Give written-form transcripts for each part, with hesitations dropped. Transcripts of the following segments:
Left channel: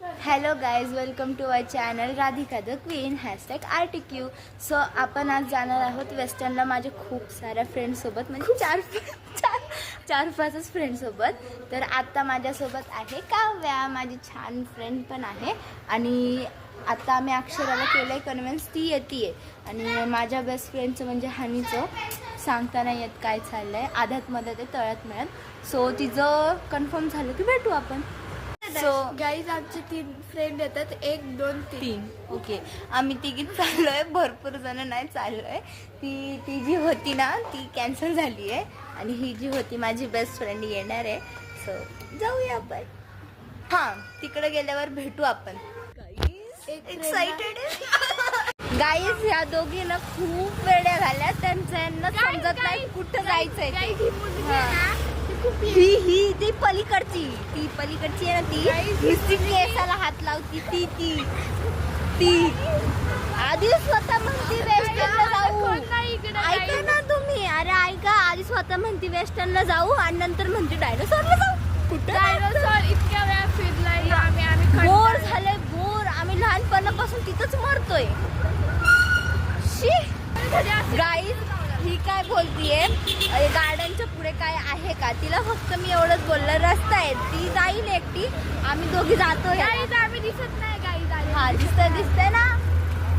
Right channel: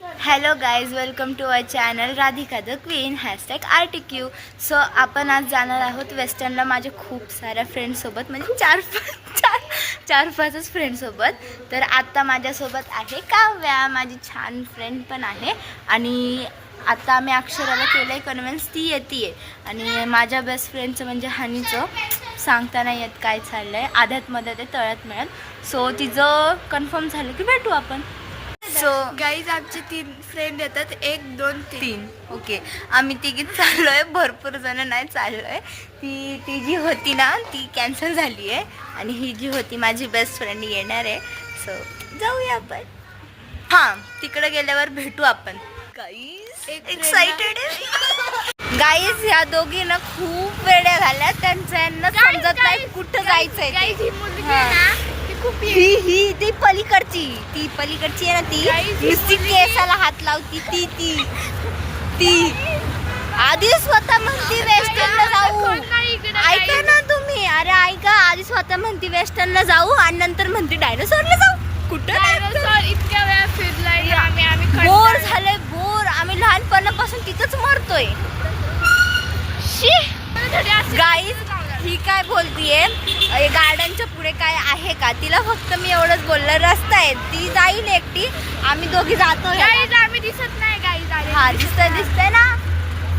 Hello guys, welcome to our channel Radhika the queen #RTQ. So आपण आज जाणार आहोत वेस्टर्नला माझ्या खूप साऱ्या फ्रेंड्ससोबत, म्हणजे चार पाचच फ्रेंडसोबत. तर आत्ता माझ्यासोबत आहे काव्या, माझी छान फ्रेंड पण आहे. आणि आता आम्ही अक्षराला केलं आहे कन्व्हिन्स, ती येते. आणि माझ्या बेस्ट फ्रेंडचं म्हणजे हनीचं सांगता नाही येत काय चाललं आहे, आध्यात मध्यात आहे, तळ्यात मिळत. सो तिचं कन्फर्म झालं की भेटू आपण. सो गाईज आमचे 3 फ्रेंड येतात, 1 2 3. ओके, आम्ही तिघीच चाललो आहे, भरपूर जण नाही चाललो आहे. ती जी होती ना ती कॅन्सल झाली आहे आणि ही जी होती माझी बेस्ट फ्रेंड येणार आहे. सो जाऊया आपण. हां, तिकडे गेल्यावर भेटू आपण. गाईज एक्साइटेड आहे. गाईज ह्या दोघी ना खूप वेड्या झाल्या, त्यांचं यांना समजत नाही कुठं जायचंय. गाईज ही मुलगी आहे ना, ती खूप ही ती पलीकडची आहे ना, ती नुसती केसाला हात लावती. ती आधी स्वतः म्हणती वेस्टर्नला जाऊ. ऐका ना तुम्ही, अरे ऐका, आधी स्वतः म्हणती वेस्टर्नला जाऊ आणि नंतर म्हणती डायनोसॉरला जाऊ. कुठं इतक्या वेळा फिरलाय आम्ही बोर झालंय, बोर. आम्ही लहानपणापासून तिथंच मरतोय. गाईज ही काय बोलतीये, गार्डनच्या पुढे काय आहे का? तिला फक्त मी एवढंच बोललं, रस्ता आहे, ती जाईल एकटी, आम्ही दोघी जातो. गाईज आम्ही दिसत नाही. गाईज हा दिसतंय ना.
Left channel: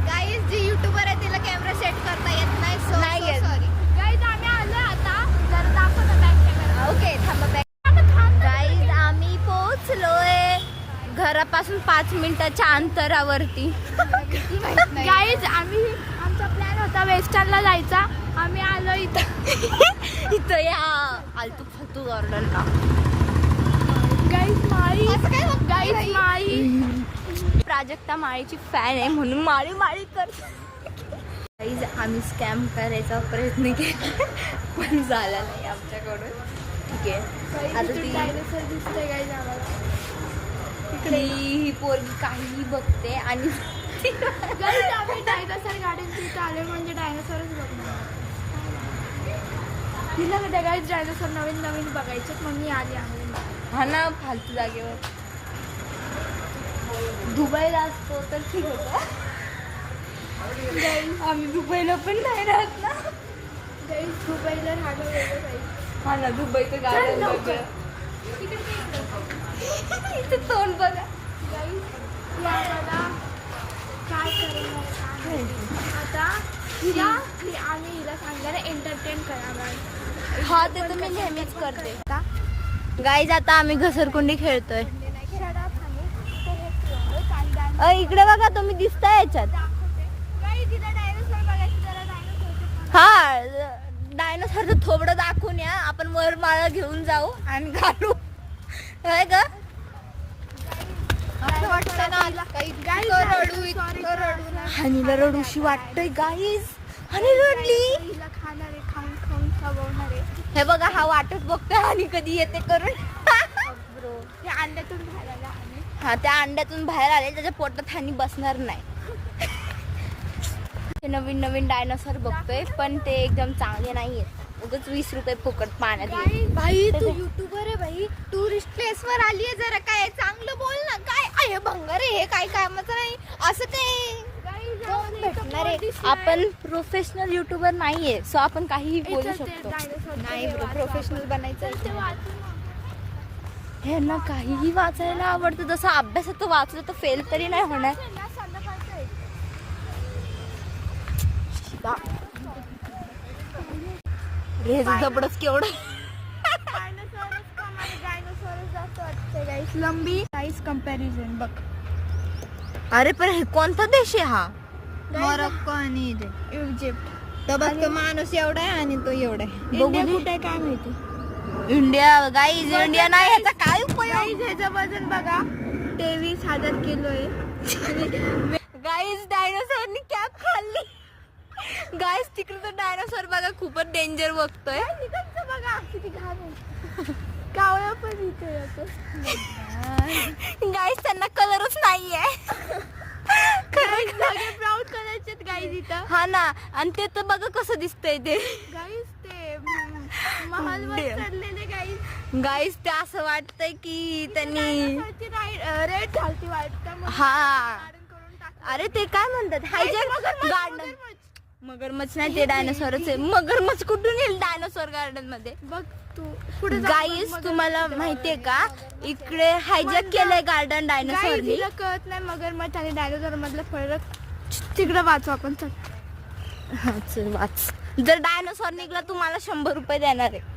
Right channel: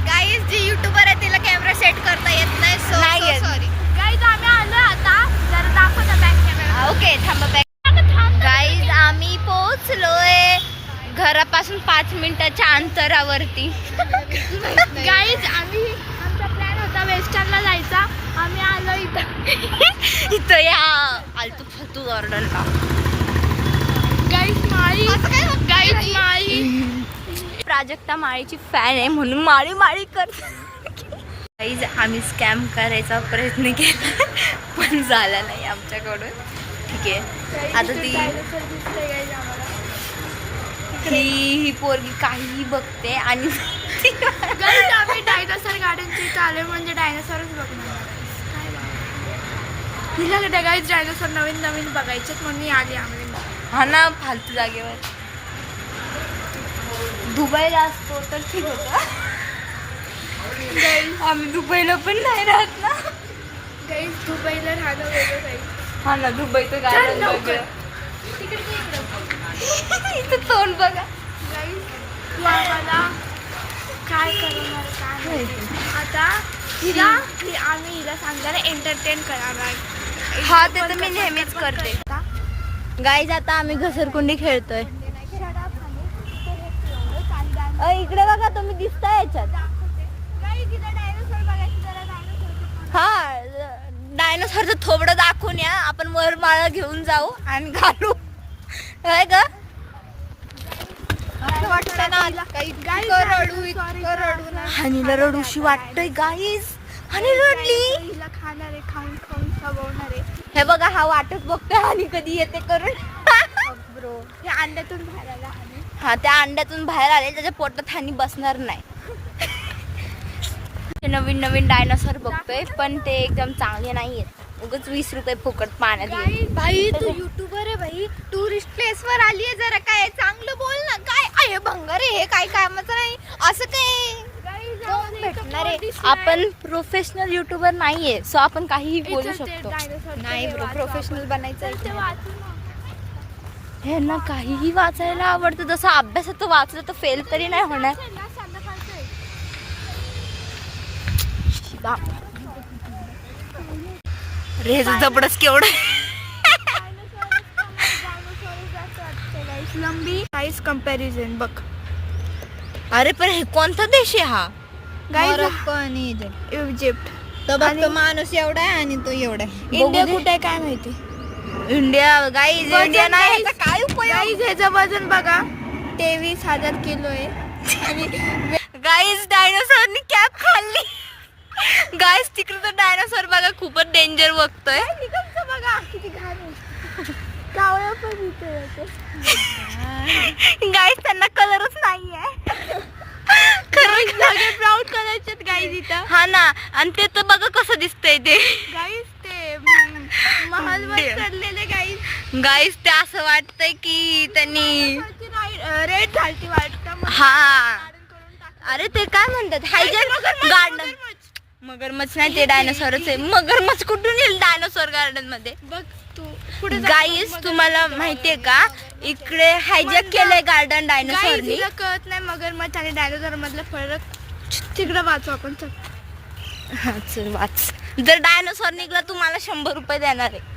गाईज जी युट्यूबर आहे तिला कॅमेरा सेट करता येत नाही. नाही येत. सॉरी गाईज, आम्ही आलो आता. जरा दाखव ना बॅक कॅमेरा. ओके, थांबा. गाईज आम्ही पोहोचलोय घरापासून 5 मिनिटाच्या अंतरावरती. गाईज आमचा प्लॅन होता वेस्टर्नला जायचा, आम्ही आलो इथं या आलतू फालतू गार्डनला. गाईज माळी प्राजक्ता माळीची फॅन आहे म्हणून माळी करते. गाईज आम्ही स्कॅम करायचा प्रयत्न केला पण झाला नाही आमच्याकडून. ठीक आहे, आता ही पोरगी काहीही बघते आणि गाईज आम्ही डायनासोर गार्डनच्या इथं आले, म्हणजे डायनासोरच बघणार. हिला गाईज डायनासोर नवीन बघायचे म्हणून मी आली. आम्हाला हा ना, फालतू जागेवर. दुबईला असतो तर ठीक होतं. आम्ही दुबईला पण नाही राहत ना. गाईज दुबईला राहणं वेगळं. गाईज हा ना, दुबईचं गार्डन वेगळं. इथं तोंड बघा. गाईज तू आम्हाला काय करणार आता? आम्ही हिला सांगणार एंटरटेन करणार. हा, ते तर मी नेहमीच करते. गाईज आता आम्ही घसरकुंडी खेळतोय. इकडे बघा, तुम्ही दिसताय याच्यात. हा, डायनोसॉरचं थोबडं दाखवून या, आपण वर माळा घेऊन जाऊ आणि घालू. काय ग? असं वाटतं ना हनीला रडूशी वाटतंय. गाईज हनी रडली. हिला खाणार आहे, खाऊन सगवणार आहे. हे बघा, हा वाटच बघतोय हनी कधी येते करून. हे अंड्यातून बाहेर आलं आणि हा, त्या अंड्यातून बाहेर आले, त्याच्या पोटात हनी बसणार नाही. हे नवीन डायनासोर बघतोय, पण ते एकदम चांगले नाहीये. उगाच 20 रुपये फुकट पाण्यात गेले. भाई तू युट्यूबर आहे भाई, टुरिस्ट प्लेस वर आली आहे, जरा काय चांगलं बोल ना. काय आहे भंगार आहे हे, काय कामाचं नाही असं काय भेटणार आहे. आपण प्रोफेशनल युट्यूबर नाहीये, सो आपण काहीही बोलू शकतो. नाही ब्रो, प्रोफेशनल बनायचं. हे ना काहीही वाचायला आवडतं, जसं अभ्यासात वाचलं तर फेल तरी नाही होणार. रेज जबडच केवढं. लंबी साईज कंपॅरिझन बघ. अरे पण हे कोणता देश आहे हा? मोरक्को आणि इजिप्त. तो बघ, तो माणूस एवढा आहे आणि तो एवढा आहे. इंडिया कुठे आहे काय माहिती. इंडिया गाईज, इंडिया नाही, ह्याचा काय उपयोग? गाईज ह्याचं वजन बघा, 23,000 किलो आहे. गाईज डायनोसॉरनी कॅप खाल्ली. गाईज तिकडे तर डायनोसॉर बघा खूपच डेंजर बघतोय. बघा किती घाण आहे. कावळा पण इथे येते. गाईज त्यांना कलरच नाहीये. खरं ब्राऊन कलरचे गाईज इथं. हा ना, आणि ते तर बघा कसं दिसतंय ते. गाईज ते महलवर चढलेले गाईज. गाईज ते असं वाटतंय की त्यांनी रेड झालती वाटतं. हा अरे ते काय म्हणतात हायजॅक गार्डन. मगरमच्छ नाही ते डायनोसॉरच आहे. मगरमच्छ कुठून येईल डायनोसॉर गार्डन मध्ये. बघ तू पुढे गाईस तुम्हाला माहितीये का इकडे हायजॅक केलंय गार्डन डायनोसॉरनी. तिला कळत नाही मगरमच्छ आणि डायनोसॉर मधला फरक. तिकडे वाचू आपण चल. हा चल वाच. जर डायनोसॉर निघला तुम्हाला 100 रुपये देणार आहे.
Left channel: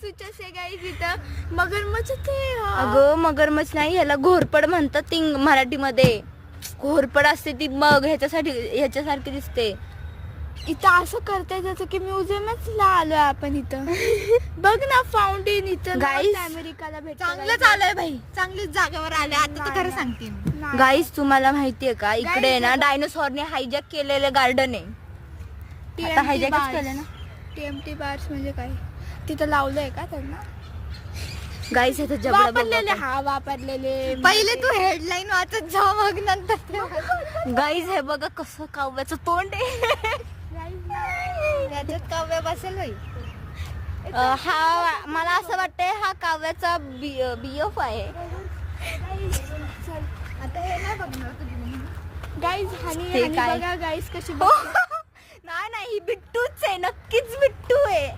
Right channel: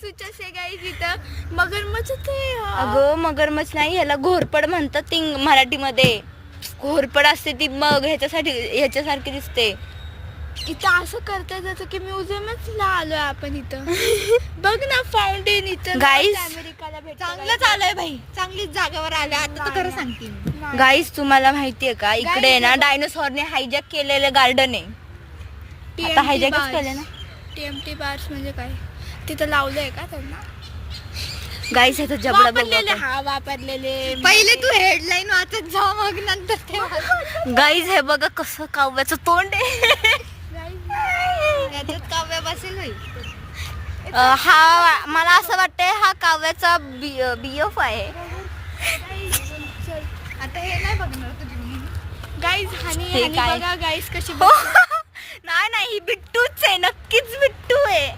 सुचस आहे गाईज इथं मगरमच्छ ते अगं मगरमच्छ नाही ह्याला घोरपड म्हणतात ती मराठीमध्ये. घोरपड असते ती मग ह्याच्यासारखी दिसते. इथं असं करता जसं की म्युझियमच आलोय आपण इथं. बघ ना फाउंटेन इथं. Guys, अमेरिकाला भेटतं. चांगलंच आलंय भाई, चांगलीच जागेवर आले. आता तर खरं सांगते मी. गाईस तुम्हाला माहितीये का इकडे ना डायनोसॉरने हायजॅक केलेलं गार्डन आहे. आता हायजॅकच केलं ना. टीएमटी बार्स म्हणजे काय तिथं लावलंय का त्यांना. गाईस ह्याचा जबडा बघू वापरलेले आपण. हा वापरलेले पहिले तू हेडलाईन वाचत जाऊ मग नंतर ते वाच. गाईस हे बघा कसं काव्याचं तोंड आहे. याच्यात काव्य बसेल भाई. हा मला असं वाटतंय हा काव्याचा BF आहे. आता हे नाही बघणार तुझी मम्मी. गाईज हे आणि काय? बघा गाईज कशी हो. नाही नाही ही बिट्टूच आहे. नक्कीच बिट्टू आहे.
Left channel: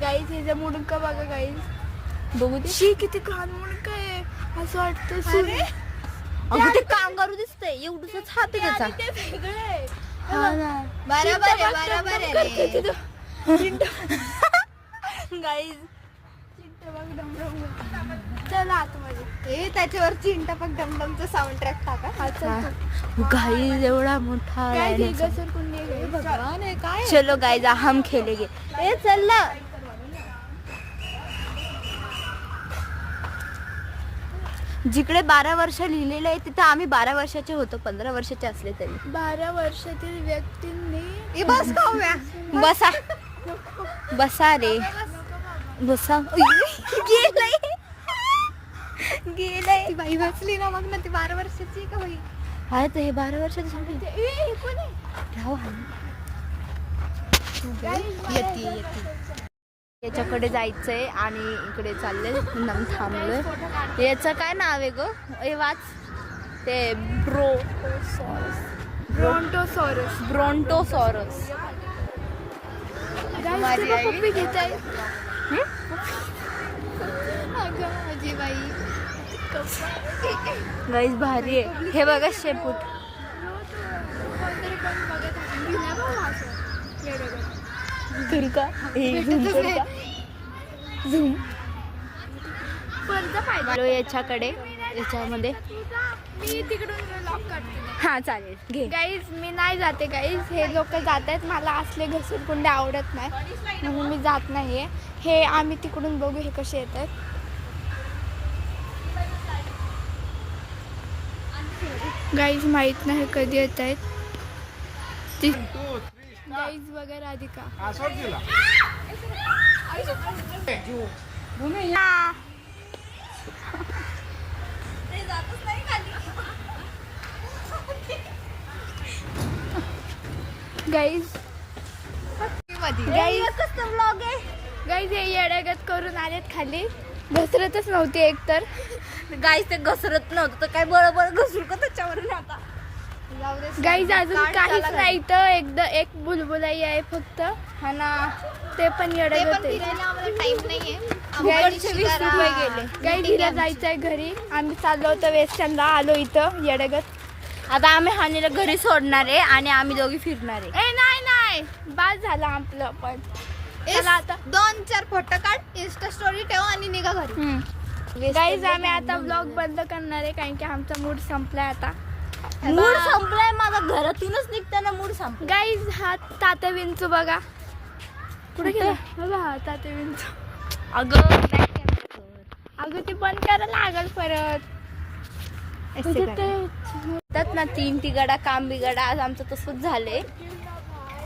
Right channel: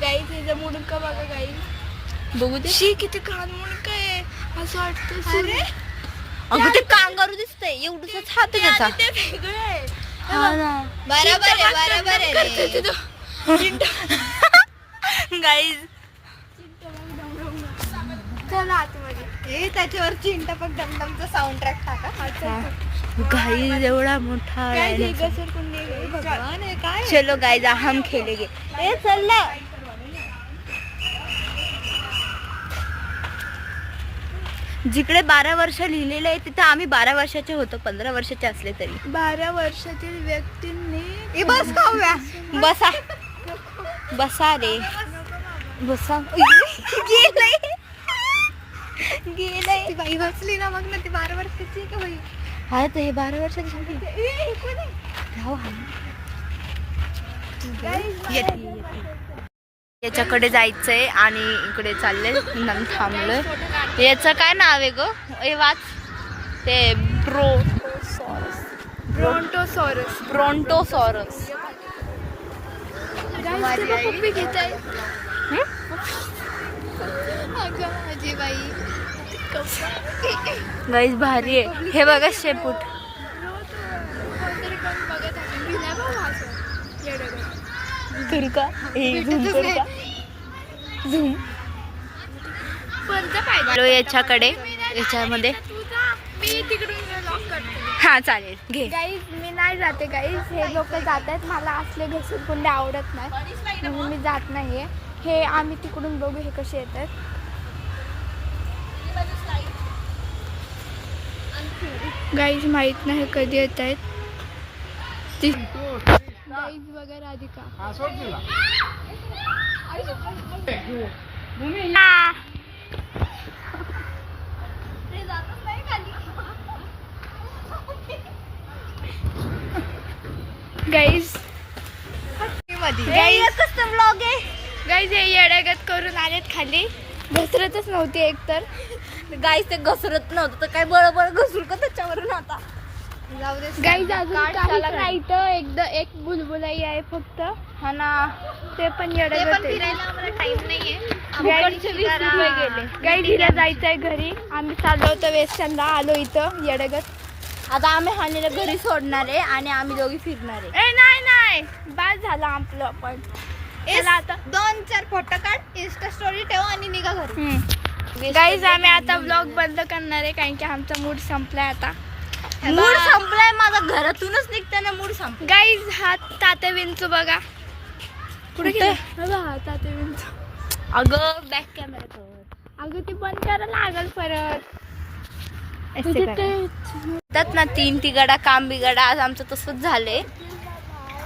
गाईज हिचं मुडका बघा गाईज. बघू दे. शी किती घाण मुडका आहे असं वाटतं. अगं ते कांगारू दिसतंय एवढंच हात आहे त्याचा. ते वेगळं आहे. हा ना बरोबर आहे, बरोबर आहे करते रे. तिथं. गाईज चला आतमध्ये. हे त्याच्यावर चिंटापक डमडमचं साऊंड ट्रॅक टाका. गाईज एवढा मोठा गाईज ही डायनोसॉर. घसरगुंडी आहे. भगवान आहे काय. चलो गाईज हम खेलेंगे. ए चल ना. जिकडे 12 वर्ष लिहिलेलं आहे तिथं आम्ही 12 वर्षाचे होतो. 15 वर्षाचे असले तरी. 12 वर्षातील व्यक्तींनी हे बस काव्या. बसा बसा रे बसा. गेलंय गेलंय. ती बाई हसली ना मग ना ती 12 वर्षाची आहे का बाई. हा तर हे 12 वर्षाचे झाले. हे कोण आहे? राहू हा. येते. याच्याकडे जायचंय आणि इकडे चाललंय म्हणून थांबलोय. याचं काय नाव आहे ग हे वाच. ते ब्रोंटोसॉरस. ब्रोंटोसॉरस. माझी आई. कुठे घेत आहे? अगं माझी बाई. गाईज भारी आहे. हे बघा शेपूट. कोणतरी कोण बघत आहे. मी नाही बघा असं. वेगळं. करू का झूम करू का झूम. कोणतं पाहिजे? याच्याकडे याच्यामध्ये मी तिकडून लॉक करते. हा चालेल घे. गाईज मी नाही जाते गाईज. हे लोक जात आहेत. मला असले घसरगुंडे आवडत नाही म्हणून मी जात नाहीये. हे आम्ही तिकडून बघू हे कसे येतात. गाईज माहित नाही कधी येत आहेत. गाईज बघा राधिका. गाईज ब्लॉग आहे. गाईज हे येड्यागत करून आलेत खाली. घसरतच नव्हती एकतर. गाईज ते घसरत नव्हतं तर काय बरोबर घसरू का त्याच्यावरून आता. गाईज अजून काहीच नाही तर एक बुलबुलाई आहे फक्त. हा ना ते पण ते येड्यागत पण आहे. फिरायला आम्हाला टाइम नाहीये. गाईज 20 रुपये गेले. गाईज हिला जायचंय घरी. आम्ही चाललो होतो वेस्टर्नला. आलो इथं येड्यागत. आता आम्ही हानीला घरी सोडणार आहे आणि आम्ही दोघी फिरणार आहे. नाही बाद झालं आपलं पण. चला आता 2-4 फोटो काढ, इंस्टा स्टोरी ठेव आणि निघा घरी. गाईज आम्ही आता ब्लॉग बंद करणार आहे कारण की आमचा मूड संपलाय आता. मूड संपलाय माझा. घरातूनच निघताना मूड संपला. गाईज हा तात्या विंचू बघा कुठे गेला. बघा तात्या विंचू. अगं back camera कर. अगं ती बंद करायला लागल परत. असे त्यात ना 3 तिगाडा काम बिगाडा आज आमचं तसंच झालंय.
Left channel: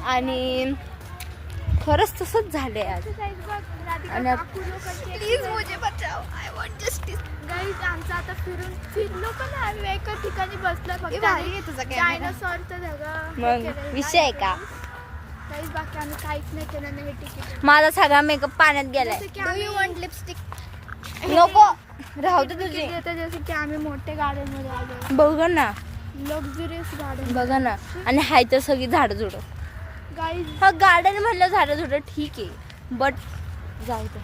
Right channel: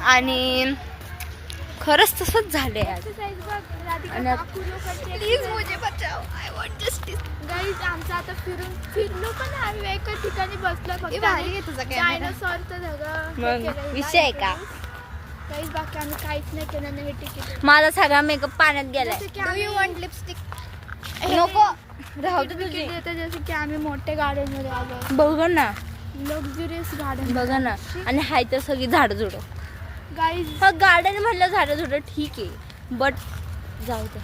आणि खरंच तसंच झालंय आज. आणि- प्लीज मुझे बचाओ, आय वॉन्ट जस्टिस. गाईज आमचं आता फिरलो पण आम्ही एका ठिकाणी बसलो फक्त भारी आहे तुझा camera. डायनोसॉरचं मग विषय आहे का? काहीच बाकी आम्ही काहीच नाही केलं नाही. हे तिकीट माझा सगळा मेकअप पाण्यात गेलाय. जसं की डू आम्ही यू वॉन्ट लिपस्टिक? नको राहू दे तुझी. तिकीट देतो जसं की आम्ही मोठ्या गार्डन मध्ये आलो, बघा ना, लक्झुरियस गार्डन. बघा ना. आणि हाय तर सगळी झाडं झुडं. गाईज हा गार्डन म्हणलं झाडं झुडं ठीक आहे, बट जाऊ द्या.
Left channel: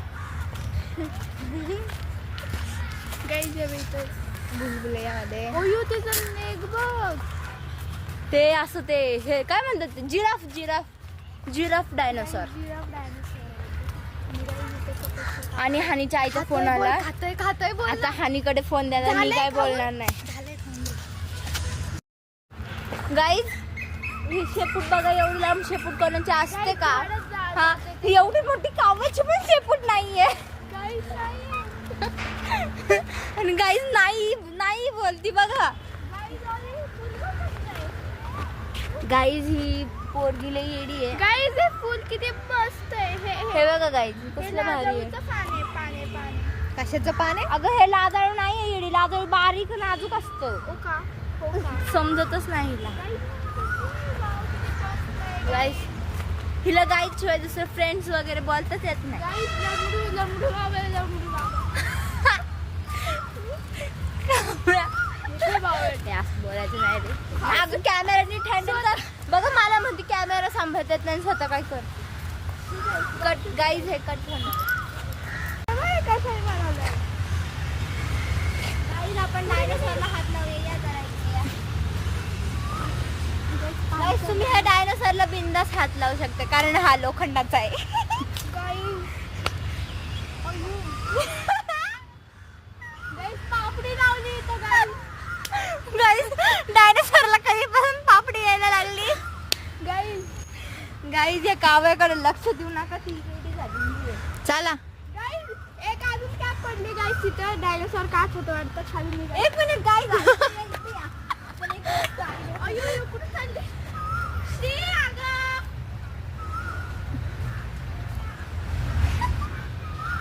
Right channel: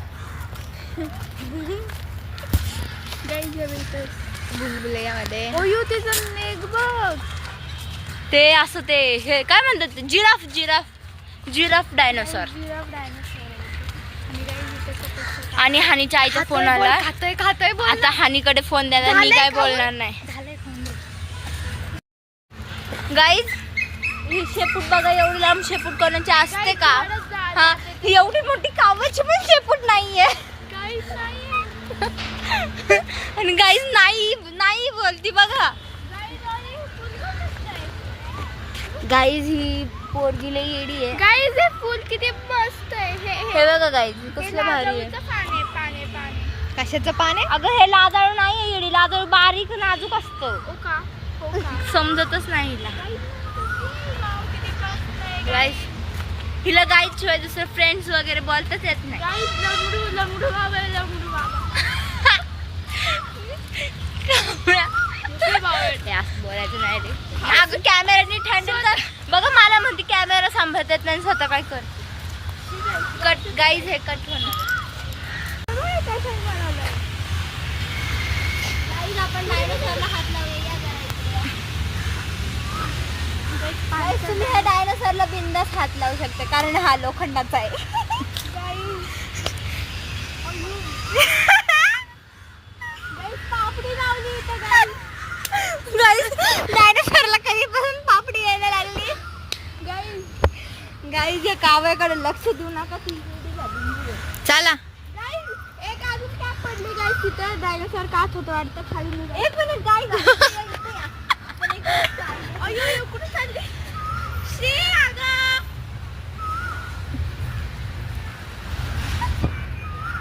गाईज भुलभुलैयामध्ये ओयू तिचं मेघ बघ. ते असं ते हे काय म्हणतात, जिराफ डायनोसॉर. Giraffe dinosaur. आणि guys इथे सगळं- आणि हानीच्या आईचा फोन आला. खातोय बोल. आता हानीकडे फोन द्यायला मी झालंय काय का? बोलणार नाही. झालंय फोन. गाईज ही शेपूट बघा, एवढी लांब शेपूट कोणाची असते Guys, का? खरंच झालं. हा, ही एवढी मोठी कावाची पण शेपूट नाहीये. Guys, नाही. आणि गाईज नाही बोलती बघा. Guys, अरे, फुल कसं आहे? गाईज ही पोरगी लई येडी आहे. Guys, हे फुल किती मस्त आहे. हे बघा गाईज हे कसलं भारी आहे. लाजळूचं पान आहे. कशाचं पान आहे? अगं हे लाजाळू नाही येडी, लाजाळू बारीक नाजूक असतं. हो का? समजतच नाही हिला. वाव, किती मस्त आहे. गाईज हिला गाईज शिवाय दुसरे फ्रेंड्स वगैरे बोलताच येत नाही. Guys, लंगडू बाबा. हे असं बोलायचं नाही रे. अगं कॅमेरानी हँडल कर. बघा मला म्हणते कॅमेरा सांभाळता येत नाही, स्वतः काय कर. कट गाईज, हे कट होणार. कसं बनवलं? Guys, आपण डायनोसॉरला हात लावूया करायचं. Guys, तुम्ही ह्या डायनोसॉरला बिंदास हात लावू शकता कारण हा लोखंडाचा आहे. पापडी लावली इथं guys. डायनोसॉरला कधीपासून पापडी यायला लागली. Guys, गाईज या काव्याकडे लक्ष देऊ नका, ती रेडी झाली. चला guys, एक अजून कॅप पडली guys तिथं. डायनोसॉर काच होतं वाटतं खाली निघालं. एक मिनिट गाईज. अय्यो, कुठे चालली? श्री, अगं.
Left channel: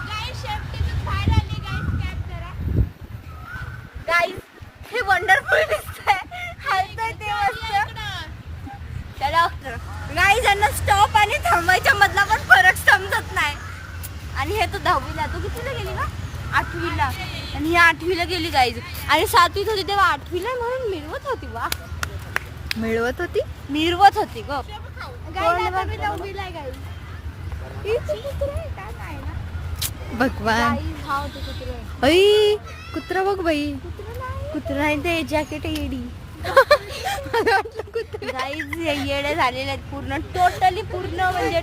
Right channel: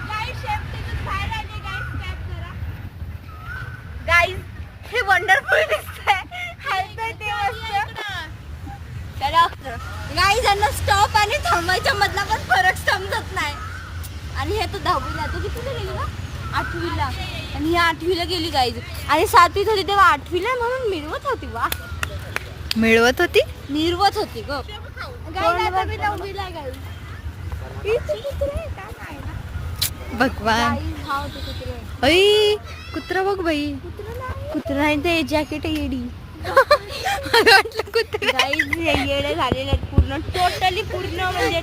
Guys, शेपटीची बाहेर आली guys, कॅप करा. गाईज हे वंडरफुल दिसतंय. हलतंय ते मस्त. चला गाईज, यांना स्टॉप आणि थांबायच्या मधला पण फरक समजत नाही. आणि हे तर 10वीला, तो कितीला गेली का? 8वीला. आणि ही 8वीला गेली गाईज. आणि 7वीत होती तेव्हा 8वीला म्हणून मिरवत होती वा. मिळवत होती. मिरवत होती ग. Guys, आता मी 9वीला आहे guys. इथं कुत्रं आहे का? नाही. भगवान. गाईज हा होते कुत्रे. अय कुत्रा बघ बाई. कुत्रं नाही ते जॅकेट येडी. मला वाटलं कुत्रा. गाईज हे येडे झालेले आहेत पूर्ण, टोटली पूर्ण म्हणजे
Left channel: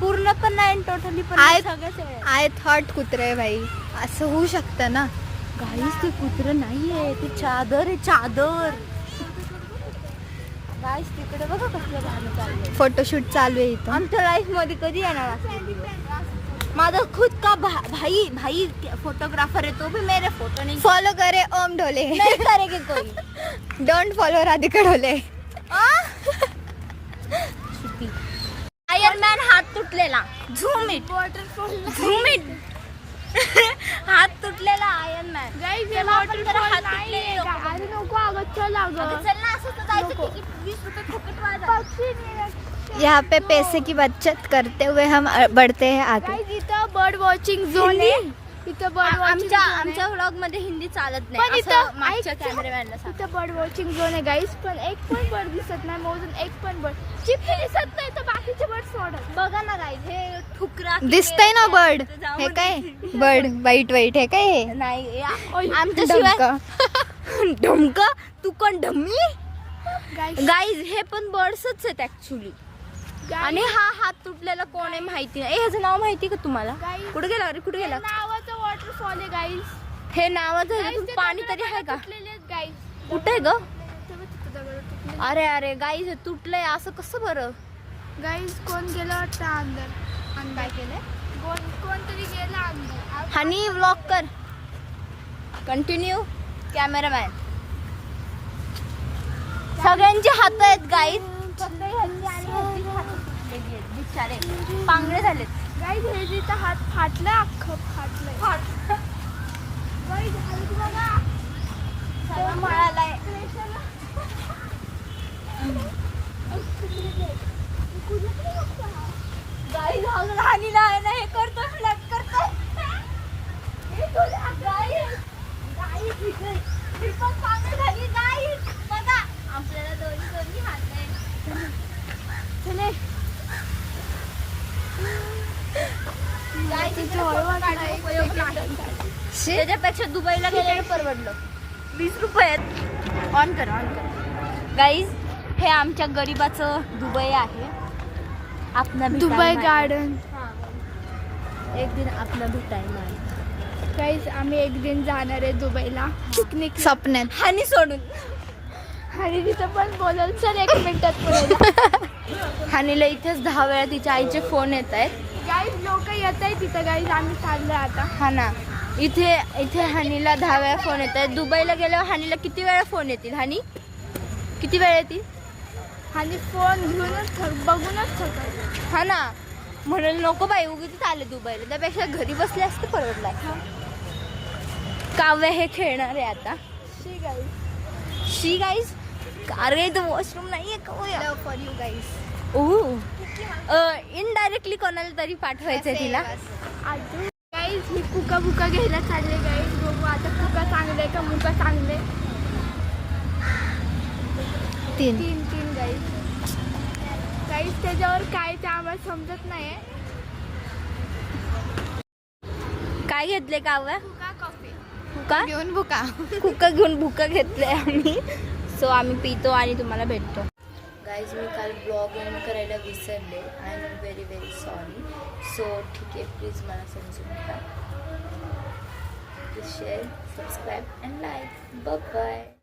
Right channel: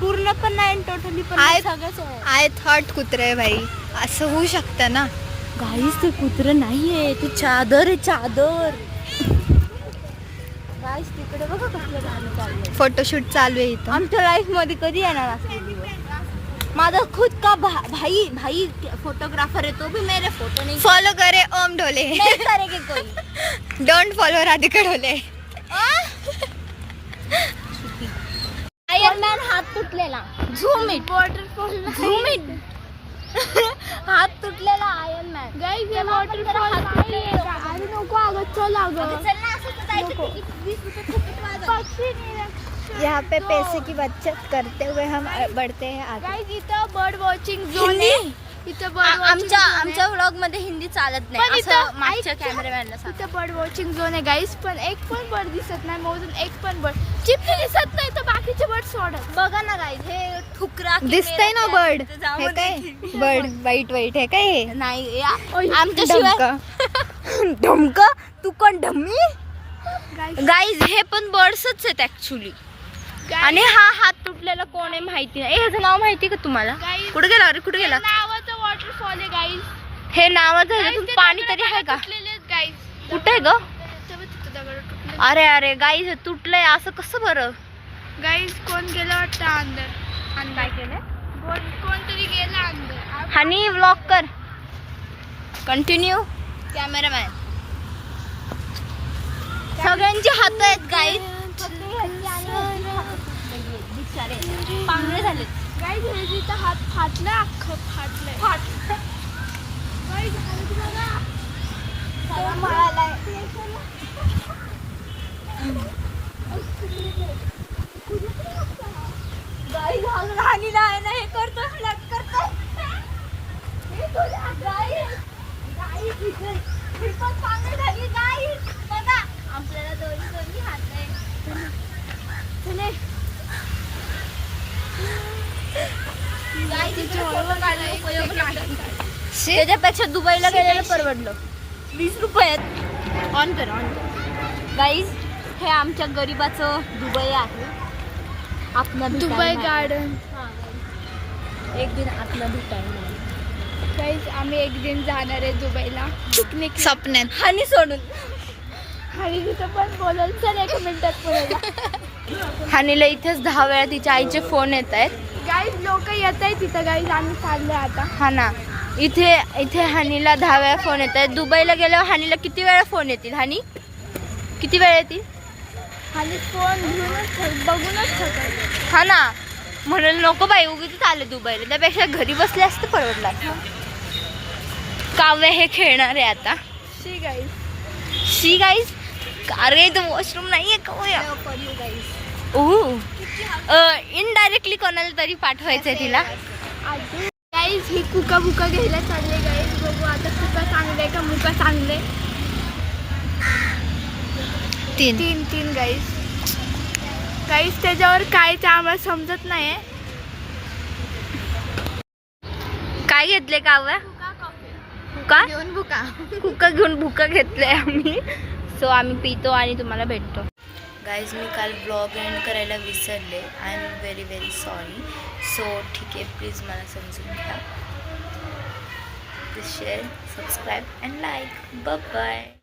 पूर्ण पण नाही टोटली पण नाही, सगळेच आहे. आय थॉट कुत्रा आहे बाई. असं होऊ शकतं ना. गाईज ते कुत्रं नाहीये, ते चादर आहे, चादर. गाईज तिकडे बघा कसलं भारी चाललंय. फोटोशूट चालू आहे इथं. आमच्या लाईफ मध्ये कधी येणार असं दिवस? माझा खुद का भाई फोटोग्राफर है, तो भी मेरे फोटो नहीं फॉलो करे ओम ढोले. करेगी कोई. Don't follow Radhika Dhole. Iron man हात तुटलेला. Zoom it. Zoom it. हात तुटलेला आयरन मॅन. Guys, हे waterfall नाहीये. अरे नको अगं, चल अगं. चल ना, असं तर जायचं. नको. तिकीट 20 रुपये फुकट वाजा. पक्षी निरीक्षण. यहाँ पे पैसे की बचत करते हुए हम बढ़ते हैं आगे. Guys, इथं बर्ड वॉचिंग झोन हिंदी? आहे. इथं bird watching zone आहे. आमच्या व्लॉग मध्ये हिंदी चालत पण नाही, इथं असं मागच्या ऐक- कॅमेरामॅनला सांग. इथं बर्ड वॉचिंग झोन आहे गाईस, पण एक पण बर्ड दिसत नाही. मोजून एक पण बर्ड चिपली दिसत नाही, तर बाकीचे बर्ड सोडत. बघा ना गाईज, हे ठुकरा की दिसतंय ना मेरा बर्ड. प्यार, जाऊ हे दे. काय बर्ड वाईट वाईट आहे काय हे? नाही ओय, आमच्याशिवाय ढमक तू कोण ढम्मी. Guys, गाईज हे पण बर्ड्सच आहेत ऍक्च्युली. guys, आणि हा हात तुटलेला कोण आहे माहिती नाही. ह्याचं नाव माहिती का तुम्हाला? Guys, कुठे गेला अरे, कुठे गेला? नावाचं वॉटरफॉल आहे गाईस. हे नावाचं ह्याच्यातून पाणी तरी आहे का? गाईस कुठे आहे ग? अरे अरे गाईज हे तुटलंय, असं कसं बरं? गाईस कोण गेलं वाटतं अंदर. काय केलं? कोणतरी गेलं अंदर. हनी व्लॉग कर. कंटिन्यू. कॅमेरामॅन सगळ्यांचे हात आहेत गाईज. गेली आहेत बिचारे पांगळे झालेत. गाईज ह्याचा हात फाटला, अख्खं फाटलंय. गाईज हात बघा. सगळा मळालाय. गाई घालून हानीला आहे ना, हे करतो फ्लॅट करतो. मी पण पांगळ झाली गाई बघा. आपल्याला दोन्ही दोन्ही हात आहे. चले त्याच्यापेक्षा दुबईला गेलेलं परवडलं. 20 रुपयात. ऑन कर ऑन कर. गाईज हे आमच्या गरीबाचं दुबई आहे. आपला दुबई गार्डन. एक दिन आपला भेटायला. गाईज आम्ही एक दिन जाणार आहे दुबईला पिकनिक. स्वप्नात हानी सोडून. आणि तिथं पण बोलाल. चल 1 मिनिटात बोलायला. हानीला इथेच 10 वेळा तिच्या आईचे फोन येत आहेत. गाईज लोक येत आहे तिथं. गाईज आम्ही चाललोय आता. हा ना, इथे हानीला 10 वेळा फोन येत आहेत. दुबईला गेल्यावर हानीला किती वेळा फोन येतील? हानी किती वेळा येतील? आणि फोन घेऊनच बघूनच ठेवतात. हा ना, म्हणून नको बाई उगीच आलं दुबईला. त्यापेक्षा घरी बसले असते परवडला. काव्य हे खेळणार आहे आता. शी गाईज. शी गाईज. अरे इथं वॉशरूम नाहीये का? इनडायरेक्टली कोणाला तरी पाठवायचंय तिला. गाईज ही कुका बुका घ्यायला चालले. गाईज बघू आता कुका चांगले का मुका चांगले. 3 गाईज. गाईज त्याच्यावर काय ते आम्हाला समजत नाही. काय घेतले काव्य? कुका कॉफी. कुका कुका घेऊन भुका घेतले आम्ही. सो आम्ही पितो आणि तुम्हाला भेटतो. गाईज मी काल ब्लॉग एंड करायला विसरले. I am very very sorry. So ठीक आहे, प्लीज मला समजून घ्या. Please share, subscribe and like. Bye.